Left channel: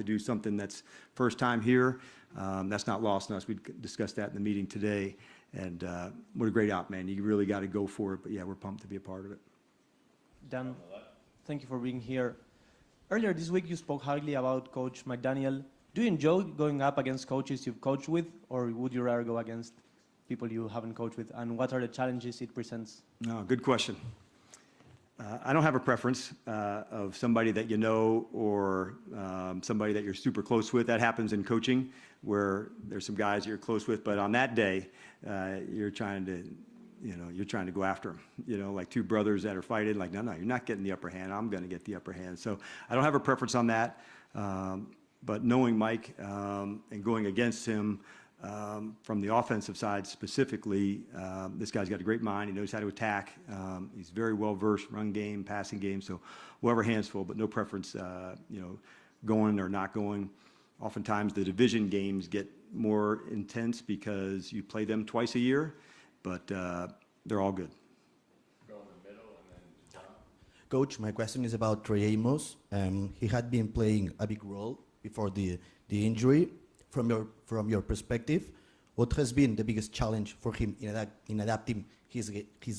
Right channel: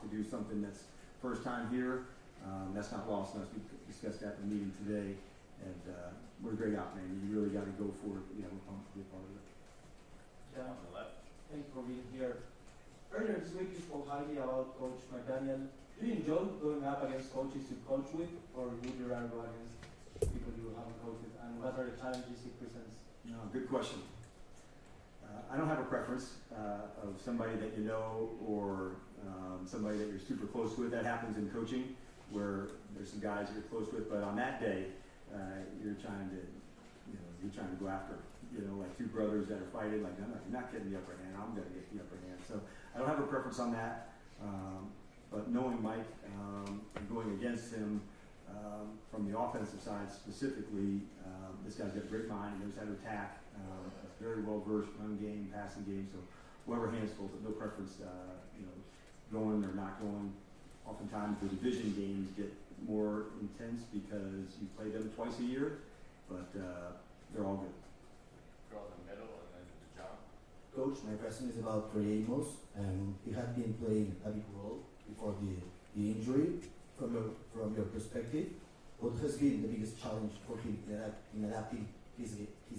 to do something that's first time here. That's not lost on us. We discussed that in the meeting today. And what a great out, man. You really got to go for it. But, yeah, we're pumped to be a part of it. Dan, thank you for being here. Earlier this week, you spoke highly about Coach McDaniel. Do you enjoy going up against coaches you've coached with, or would you rather go against people you haven't coached with? And what are the challenges it presents? No, good question. I don't have a preference of somebody that you know or somebody that you're super close with. That happens in coaching, where there's some guys you're close with, but on that day, you're trying to go after them. Like two brothers that are fighting, like, no, you're not getting the upper hand. I'm going to get the upper hand. So I don't have a preference on that. But knowing Mike and going against him from the offensive side specifically, this guy's got a great mind. He knows how to attack. He's very well versed, run game, passing game. So whoever hands full, but no preference, going or not going. Oftentimes the division games get more intense because you play them twice a year, but they're all good. Coach, my question is about Trey Amos. He had been playing a big role before the injury. From your perspective, what has been the biggest challenge for him in adapting his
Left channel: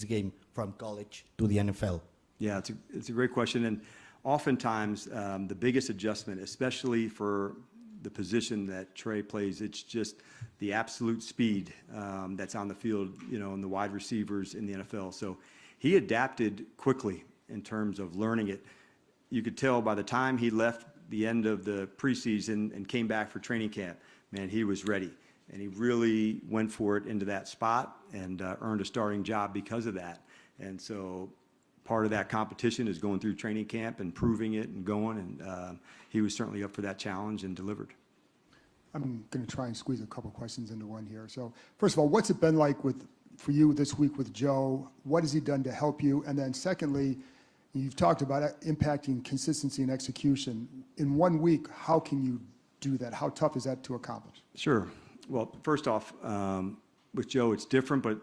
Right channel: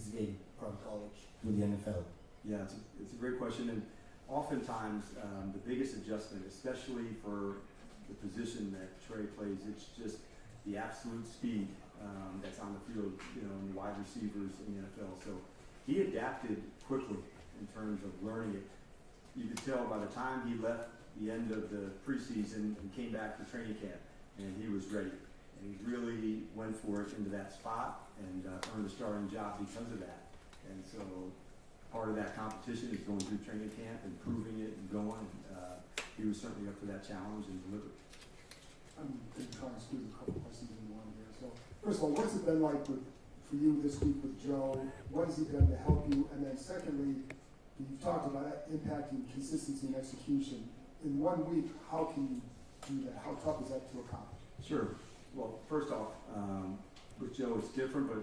game from college to the NFL? Yeah, it's a great question, and oftentimes the biggest adjustment, especially for the position that Trey plays, it's just the absolute speed that's on the field, and the wide receivers in the NFL. So he adapted quickly in terms of learning it. You could tell by the time he left the end of the preseason and came back for training camp, man, he was ready. And he really went for it into that spot and earned a starting job because of that. And so part of that competition is going through training camp and proving it and going. And he was certainly up for that challenge and delivered. I'm going to try and squeeze a couple questions into one here. So first of all, what's it been like for you this week with Joe? What has he done to help you? And then secondly, you've talked about impacting consistency and execution. In 1 week, how can you do that? How tough is that to accomplish? Sure. Well, first off, with Joe, it's different, but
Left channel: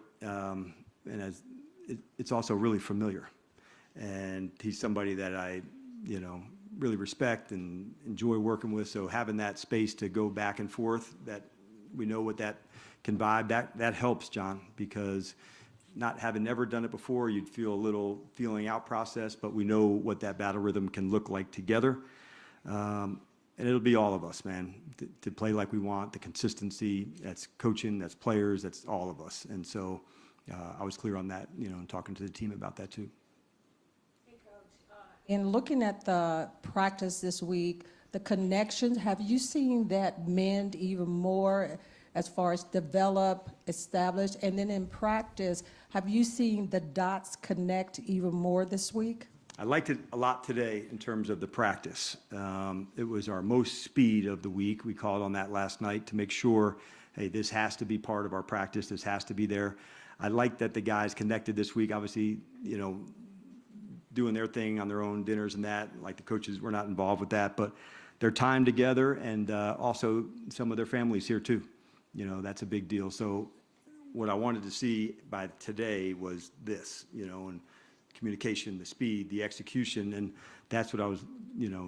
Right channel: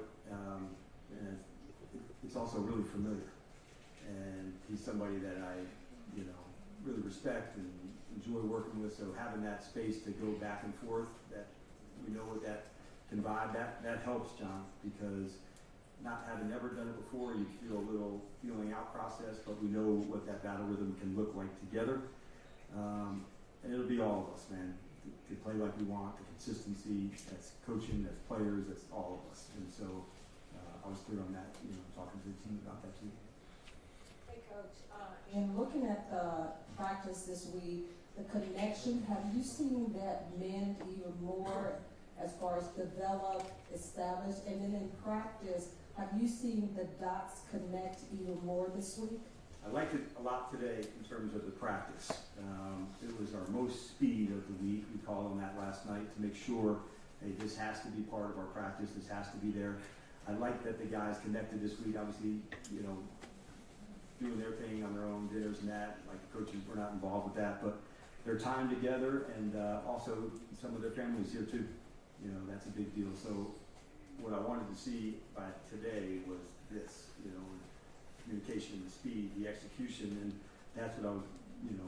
it's also really familiar. And he's somebody that I, really respect and enjoy working with. So having that space to go back and forth, that we know what that can vibe, that helps, John, because not having never done it before, you'd feel a little feeling out process, but we know what that battle rhythm can look like together. And it'll be all of us, man, to play like we want, the consistency, that's coaching, that's players, that's all of us. And so I was clear on that, talking to the team about that too. Hey, Coach, in looking at the practice this week, the connections, have you seen that mend even more as far as develop, establish, and then in practice, have you seen the dots connect even more this week? I liked it a lot today in terms of the practice. It was our most speed of the week. We called on that last night to make sure, hey, this has to be part of our practice. This has to be there. I like that the guys connected this week. Obviously, doing their thing on their own dinners and that. Like the coaches, we're not involved with that, but their time together and also some of their families here too. That's a big deal. So what I wanted to see by today was this, and communication, the speed, the execution, and that's what I was,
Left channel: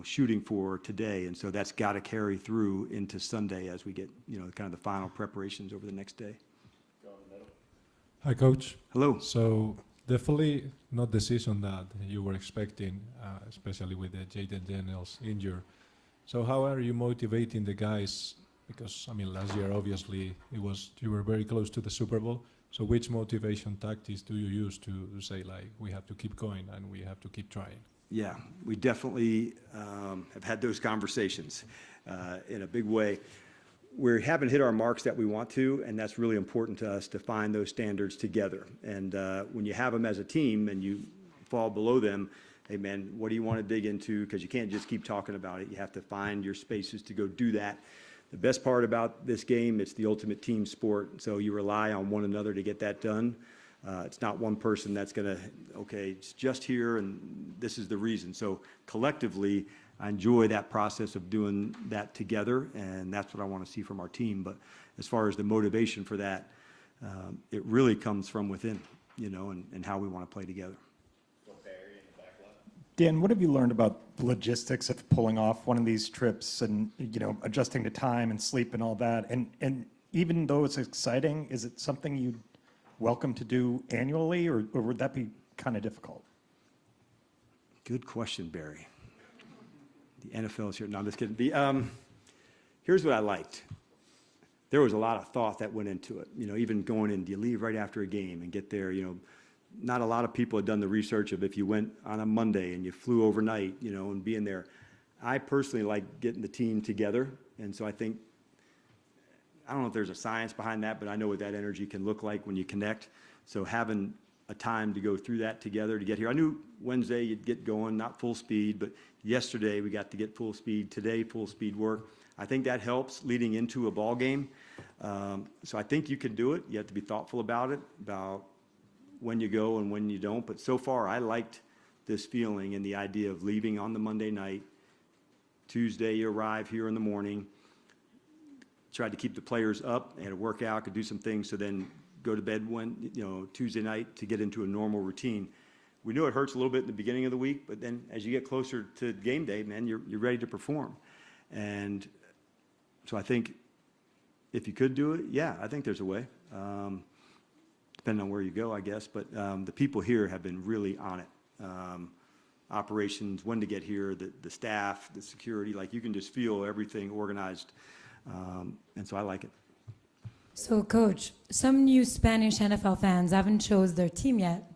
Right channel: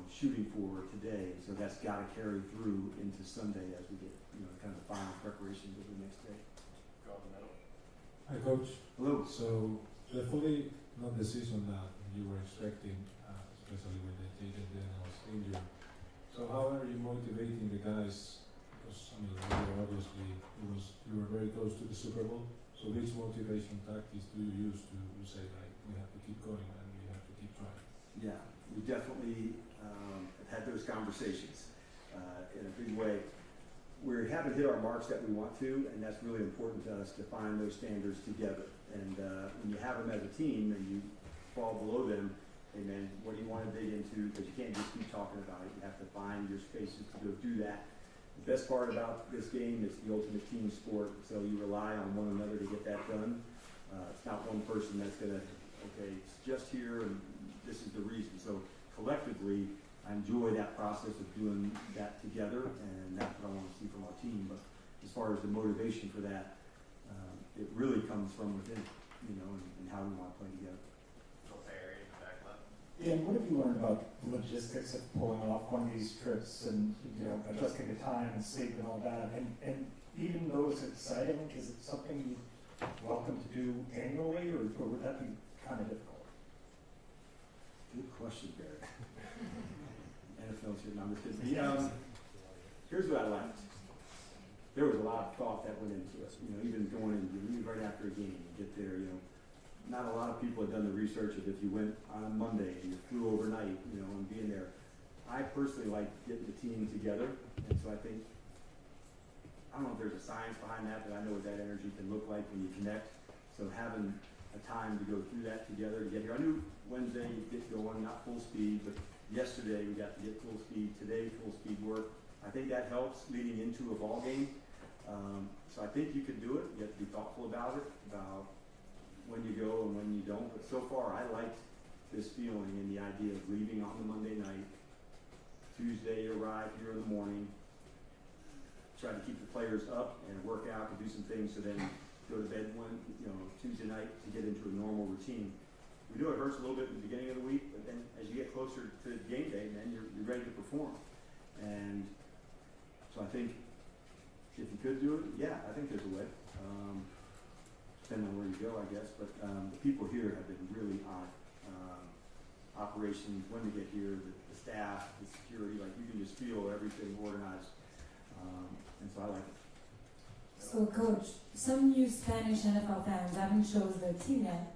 shooting for today. And so that's got to carry through into Sunday as we get, kind of the final preparations over the next day. Hi, Coach. Hello. So definitely not the season that you were expecting, especially with the Jaden Daniels injury. So how are you motivating the guys? Because, last year, obviously, you were very close to the Super Bowl. So which motivation tactics do you use to say, like, we have to keep going and we have to keep trying? Yeah, we definitely have had those conversations in a big way. We haven't hit our marks that we want to, and that's really important to us to find those standards together. And when you have them as a team and you fall below them, hey, man, what do you want to dig into? Because you can't just keep talking about it. You have to find your spaces to go do that. The best part about this game, it's the ultimate team sport, so you rely on one another to get that done. It's not one person that's going to, okay, it's just here and this is the reason. So collectively, I enjoy that process of doing that together, and that's what I want to see from our team. But as far as the motivation for that, it really comes from within, and how we want to play together. Dan, what have you learned about the logistics of pulling off one of these trips and, adjusting to time and sleep and all that? And even though it's exciting, is it something you welcome to do annually, or would that be kind of difficult? Good question, Barry. The NFL's here. No, I'm just kidding. Here's what I liked. There was a lot of thought that went into it. Even going in, do you leave right after a game and get there? Not a lot of people had done the research of if you went on a Monday and you flew overnight, and being there. I personally like getting the team together, and so I don't know if there's a science behind that, but I know what that energy can look like when you connect. So having a time to go through that together to get here. I knew Wednesday you'd get going, not full speed, but yesterday we got to get full speed. Today, full speed work. I think that helps leading into a ball game. So I think you could do it. You have to be thoughtful about it, about when you go and when you don't. But so far, I liked this feeling and the idea of leaving on the Monday night. Tuesday, you arrive here in the morning. Tried to keep the players up. They had a workout, could do some things, so then go to bed Tuesday night to get into a normal routine. We knew it hurts a little bit at the beginning of the week, but then as you get closer to game day, man, you're ready to perform. And so I think if you could do it, yeah, I think there's a way. Depending on where you go, I guess. But the people here have been really on it. Operations, when to get here, the staff, the security, like you can just feel everything organized. And so I like it. So, Coach, some new Spanish NFL fans haven't chose their team yet.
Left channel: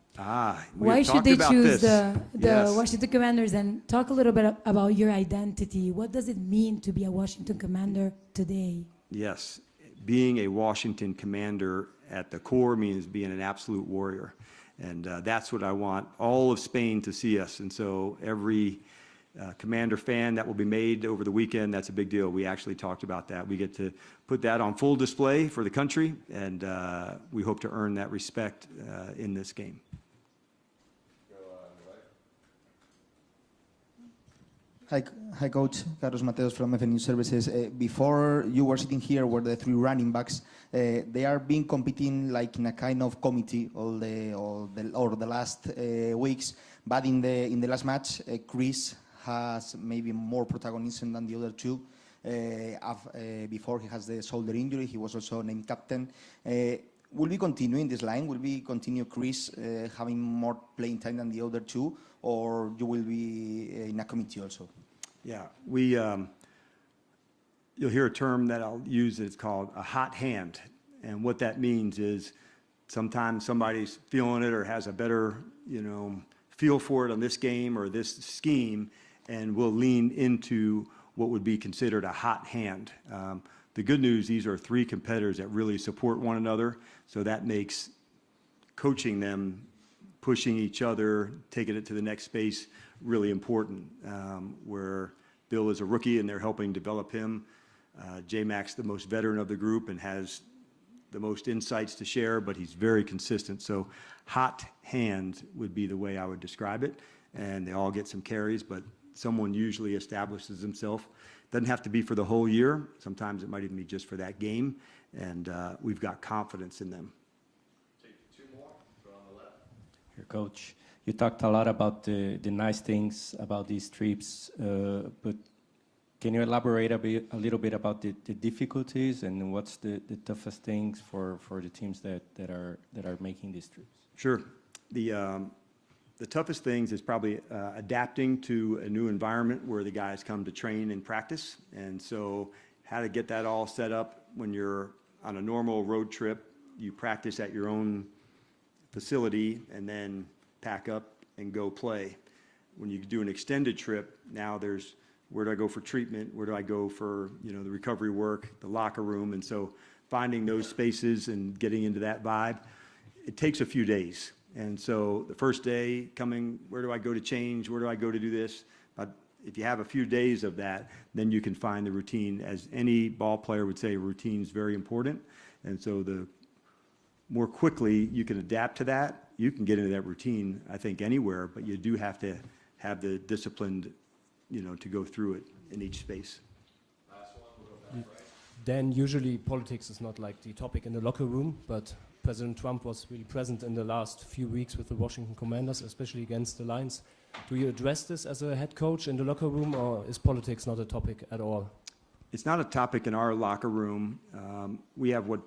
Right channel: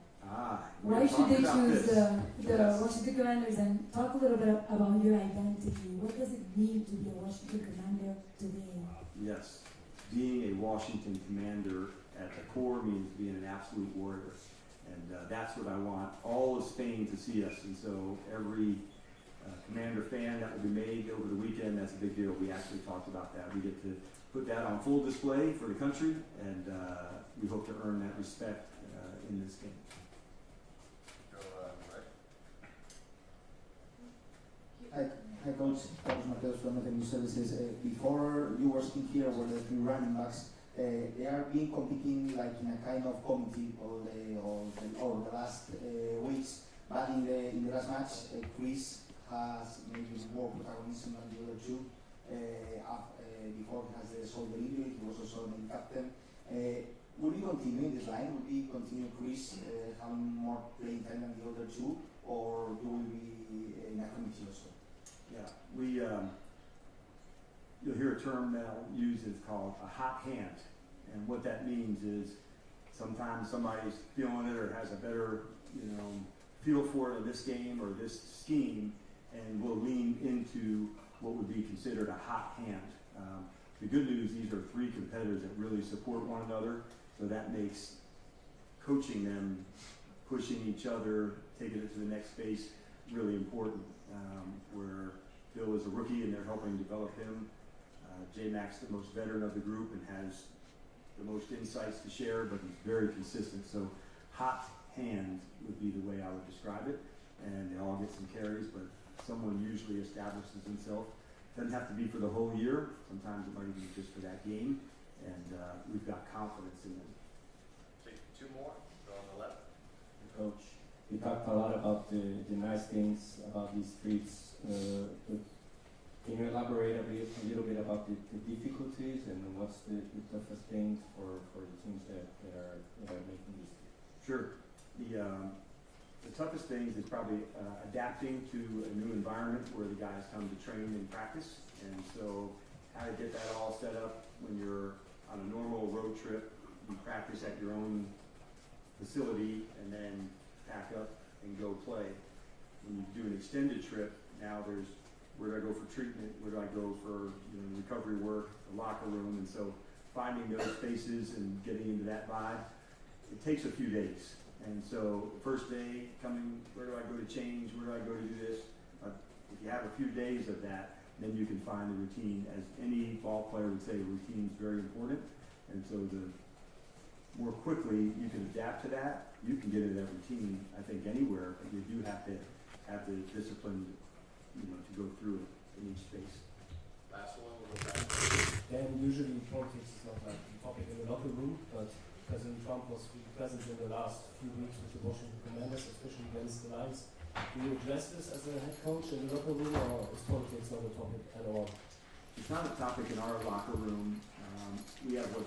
Why should they choose the Washington Commanders? And talk a little bit about your identity. What does it mean to be a Washington Commander today? Yes, being a Washington Commander at the core means being an absolute warrior. And that's what I want all of Spain to see us. And so every Commander fan that will be made over the weekend, that's a big deal. We actually talked about that. We get to put that on full display for the country, and we hope to earn that respect in this game. Hi, Coach. Carlos Mateos from FNU Services. Before you were sitting here were the three running backs. They are being competing like in a kind of committee all the last weeks. But in the last match, Chris has maybe more protagonism than the other two. Before he has the shoulder injury, he was also named captain. Will we continue in this line? Will we continue Chris having more playing time than the other two, or you will be in a committee also? Yeah, you'll hear a term that I'll use. It's called a hot hand, and what that means is sometimes somebody's feeling it or has a better feel for it on this game or this scheme, and we'll lean into what would be considered a hot hand. The good news, these are three competitors that really support one another, so that makes coaching them, pushing each other, taking it to the next space really important, where Bill is a rookie and they're helping develop him. J-Mac's the most veteran of the group and has the most insights to share, but he's very consistent. So hot hand would be the way I would describe it, and they all get some carries, but someone usually establishes himself. Doesn't have to be for the whole year. Sometimes it might even be just for that game, and we've got confidence in them. Take two more. Go on the left. Here, Coach, you talked a lot about the nice things about these trips, but can you elaborate a little bit about the difficulties and what's the toughest things for the teams that are making these trips? Sure. The toughest things is probably adapting to a new environment where the guys come to train and practice. And so how to get that all set up when you're on a normal road trip, you practice at your own facility and then pack up and go play. When you do an extended trip, now there's where do I go for treatment? Where do I go for the recovery work, the locker room? And so finding those spaces and getting into that vibe, it takes a few days. And so the first day coming, where do I go to change? Where do I go to do this? If you have a few days of that, then you can find the routine. As any ball player would say, routine is very important. And so the more quickly you can adapt to that, you can get into that routine, I think, anywhere, but you do have to have the discipline, to go through it in each space. Last one. Then usually politics is not like the topic in the locker room, but President Trump was really present in the last few weeks with the Washington Commanders, especially against the Lions. Do you address this as a head coach in the locker room, or is politics not a topic at all? It's not a topic in our locker room. We have what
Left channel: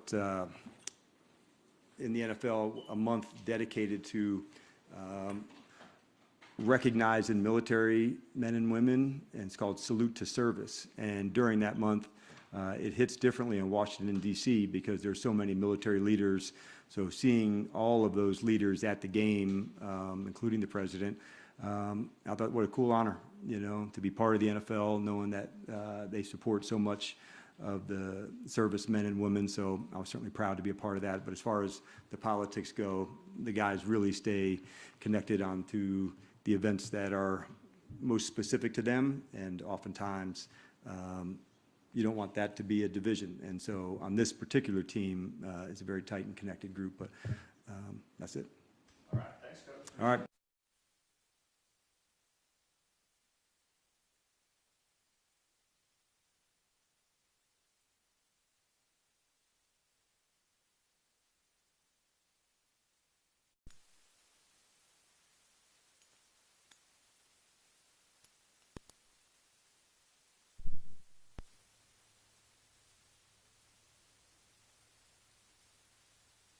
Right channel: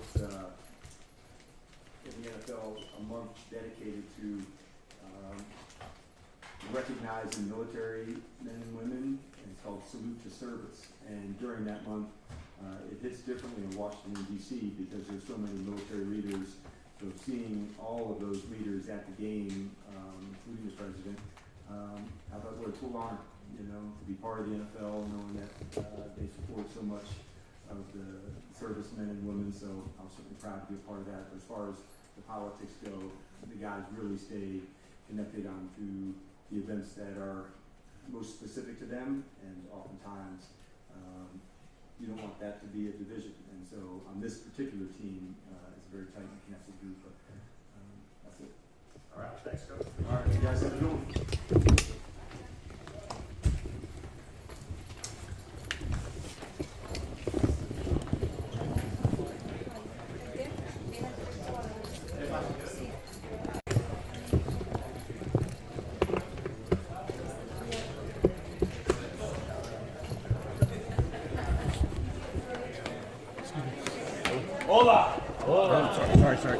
in the NFL a month dedicated to recognizing military men and women, and it's called Salute to Service. And during that month, it hits differently in Washington, D.C. because there's so many military leaders. So seeing all of those leaders at the game, including the president, I thought what a cool honor, you know, to be part of the NFL, knowing that they support so much of the servicemen and women. So I was certainly proud to be a part of that. But as far as the politics go, the guys really stay connected onto the events that are most specific to them, and oftentimes you don't want that to be a division. And so on this particular team, it's a very tight and connected group, but that's it. All right, thanks, Coach. All right, you guys have a good one. Hola. Hola. Sorry.